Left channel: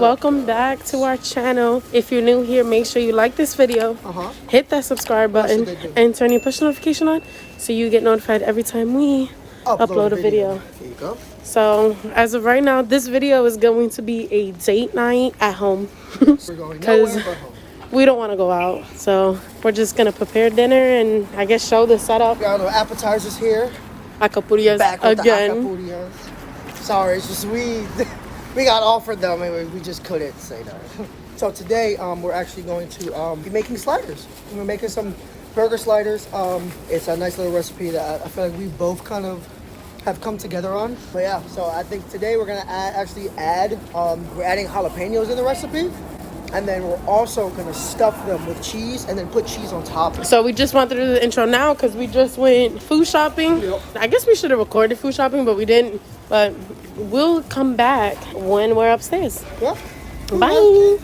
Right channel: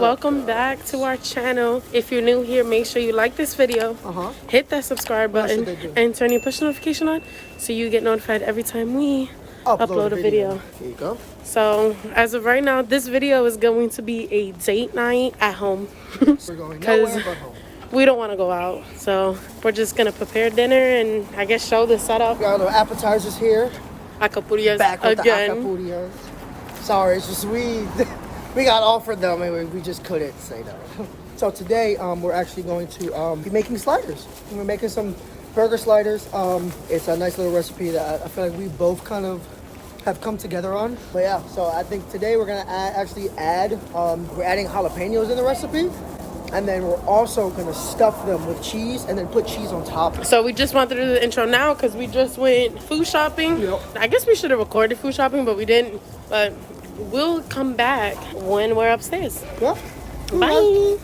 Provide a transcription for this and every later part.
welcome back to our channel. If you're new here, make sure you like this video, hit that subscribe button, and turn your push notification on so you get notified every time we upload a video. There you go. So as of right now, this video is going to be a date night at home We're going because nowhere but home. we don't want to go out. So we're just gonna prepare dinner and I guess show the setup. Got no appetizers here. Acapulco's Back with again. the acapulcos. Sorry, it's just we got offered them and we just couldn't say no. So today we're actually going to be making sliders. We're making some burger sliders. It's a nice little recipe that I feel like we both kind of have come together on. But yeah, so I think today we're gonna we're adding jalapenos in the recipe. And then we're also gonna stuff them with cheese and then put cheese on top. So we just wanted to do the intro now because we just went food shopping. Yep. I guess we should have recorded food shopping, but we didn't. But we'll come back when we're upstairs. Yeah. Bye.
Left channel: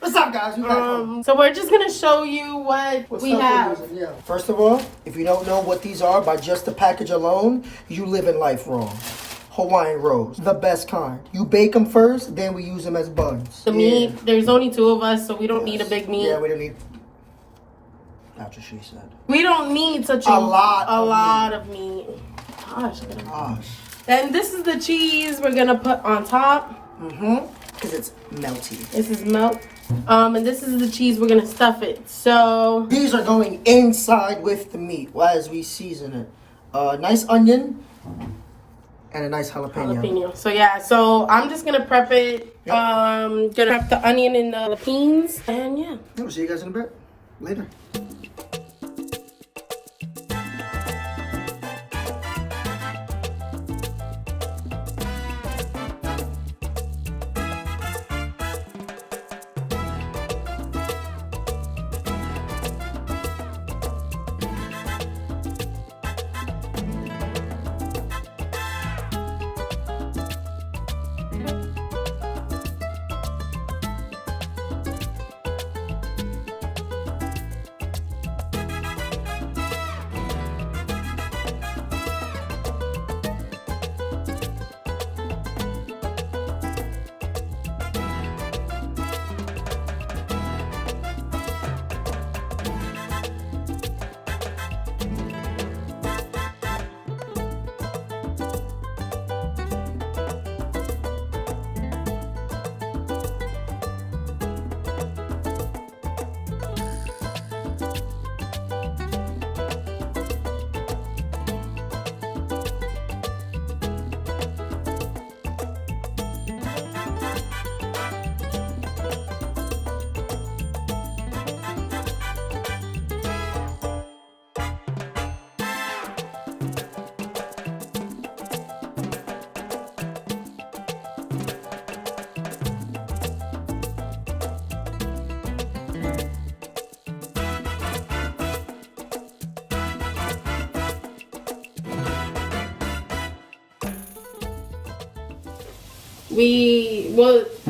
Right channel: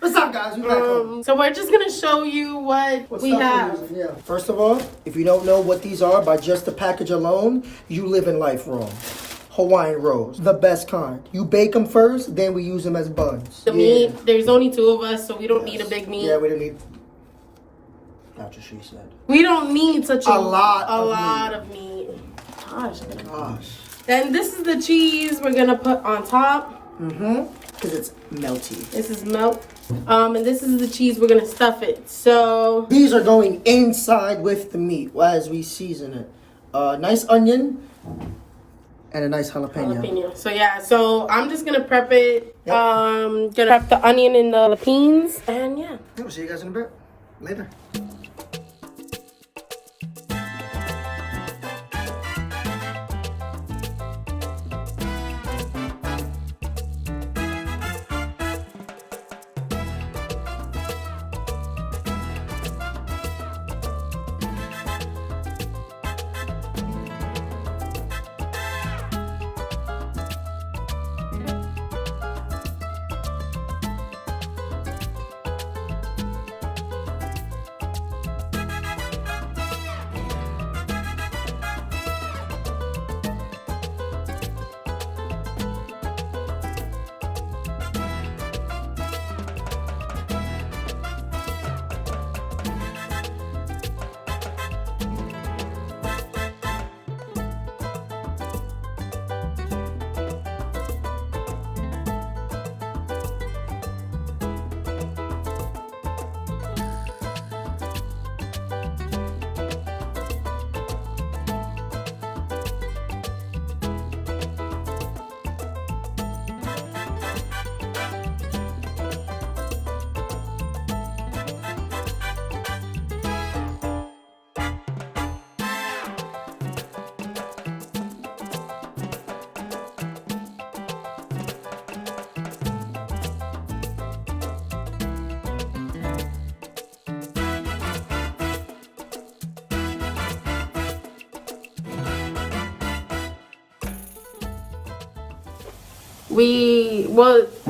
What's up, guys? We're back home. So we're just gonna show you what we stuff we're have. using, yeah. First of all, if you don't know what these are by just the package alone, you live in life wrong. Hawaiian rolls, the best kind. You bake them first, then we use them as buns. The meat, there's only 2 of us, so we don't need a big meat. Yeah, we don't need. That's what she said. We don't need such A lot of meat. Gosh. Gosh. And this is the cheese we're gonna put on top. Because it's melty. This is melt. And this is the cheese we're gonna stuff it. So These are going inside with the meat as we season it. Nice onion and a nice jalapeno. So yeah, so I'm just gonna prep it. Gonna prep the onion and the jalapenos. And yeah. We'll see you guys in a bit. Later.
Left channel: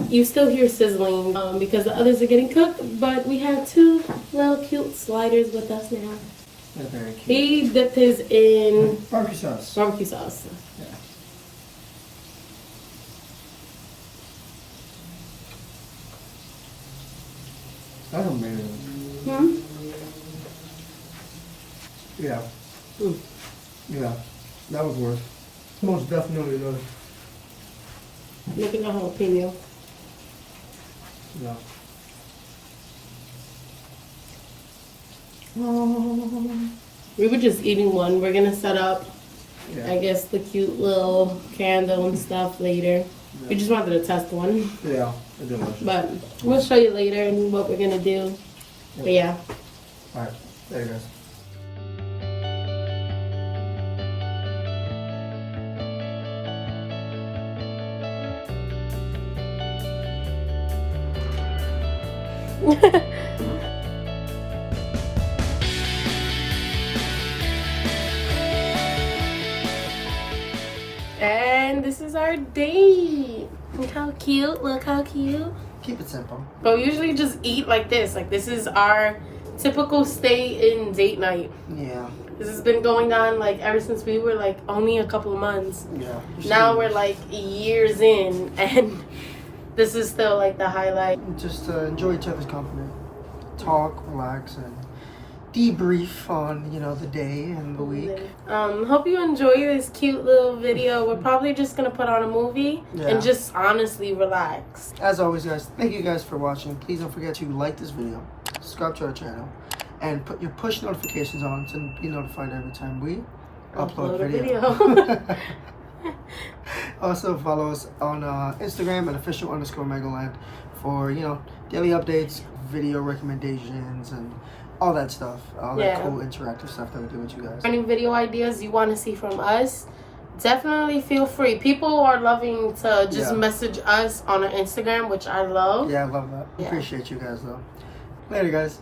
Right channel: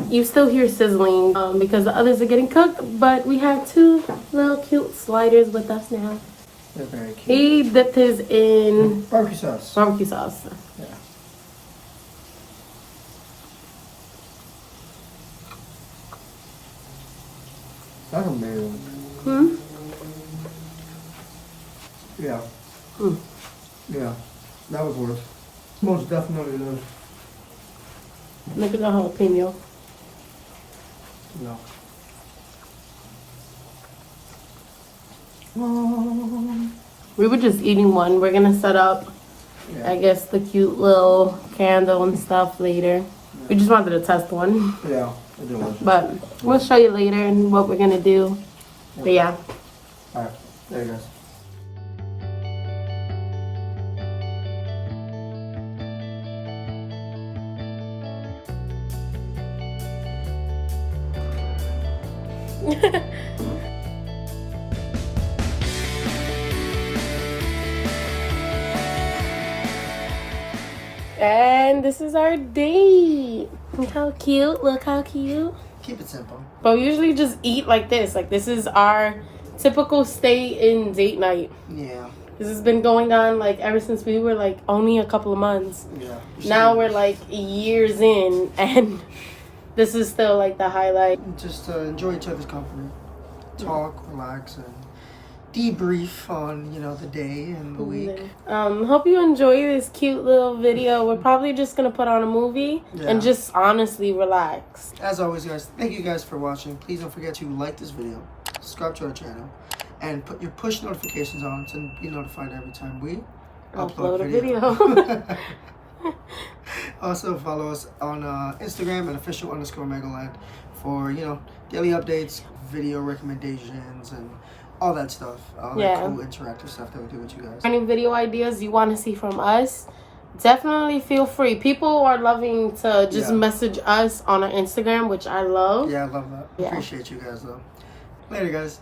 You still hear sizzling because the others are getting cooked, but we have 2 little cute sliders with us now. They're very cute. He dipped his in Barbecue sauce. barbecue sauce. Yeah. That's amazing. Yeah. Yeah. That was worse. Most definitely was. Look at the jalapeno. No. We were just eating one. We're gonna set up, Yeah. I guess, the cute little candle and stuff later. We just wanted to test one, Yeah. I didn't want to. but we'll show you later and what we're gonna do. But yeah. Alright. There you guys. And this is our date. Look how cute. Look how cute. Keep it simple. But we usually just eat like this. Like, this is our typical stay in date night. Yeah. This has been going on like ever since we were like only a couple of months. Yeah. Now we're like years in, and this is still like the highlight. Just enjoy each other's company, talk, relax, and debrief on, you know, the day and the week. Hope you enjoy this cute little video. We're probably just gonna put on a movie and just honestly relax. As always, guys, thank you guys for watching. Please don't forget to like this video, subscribe to our channel, and put your push notifications on to be notified every time we upload a video. Also follow us on Instagram at official_Megaland for, you know, daily updates, video recommendations, and all that stuff, all that cool interactive stuff that we do with you guys. Any video ideas you want to see from us, definitely feel free. People are loving to just message us on our Instagram, which I love. Yeah, I love that. Appreciate you guys though. Later, guys.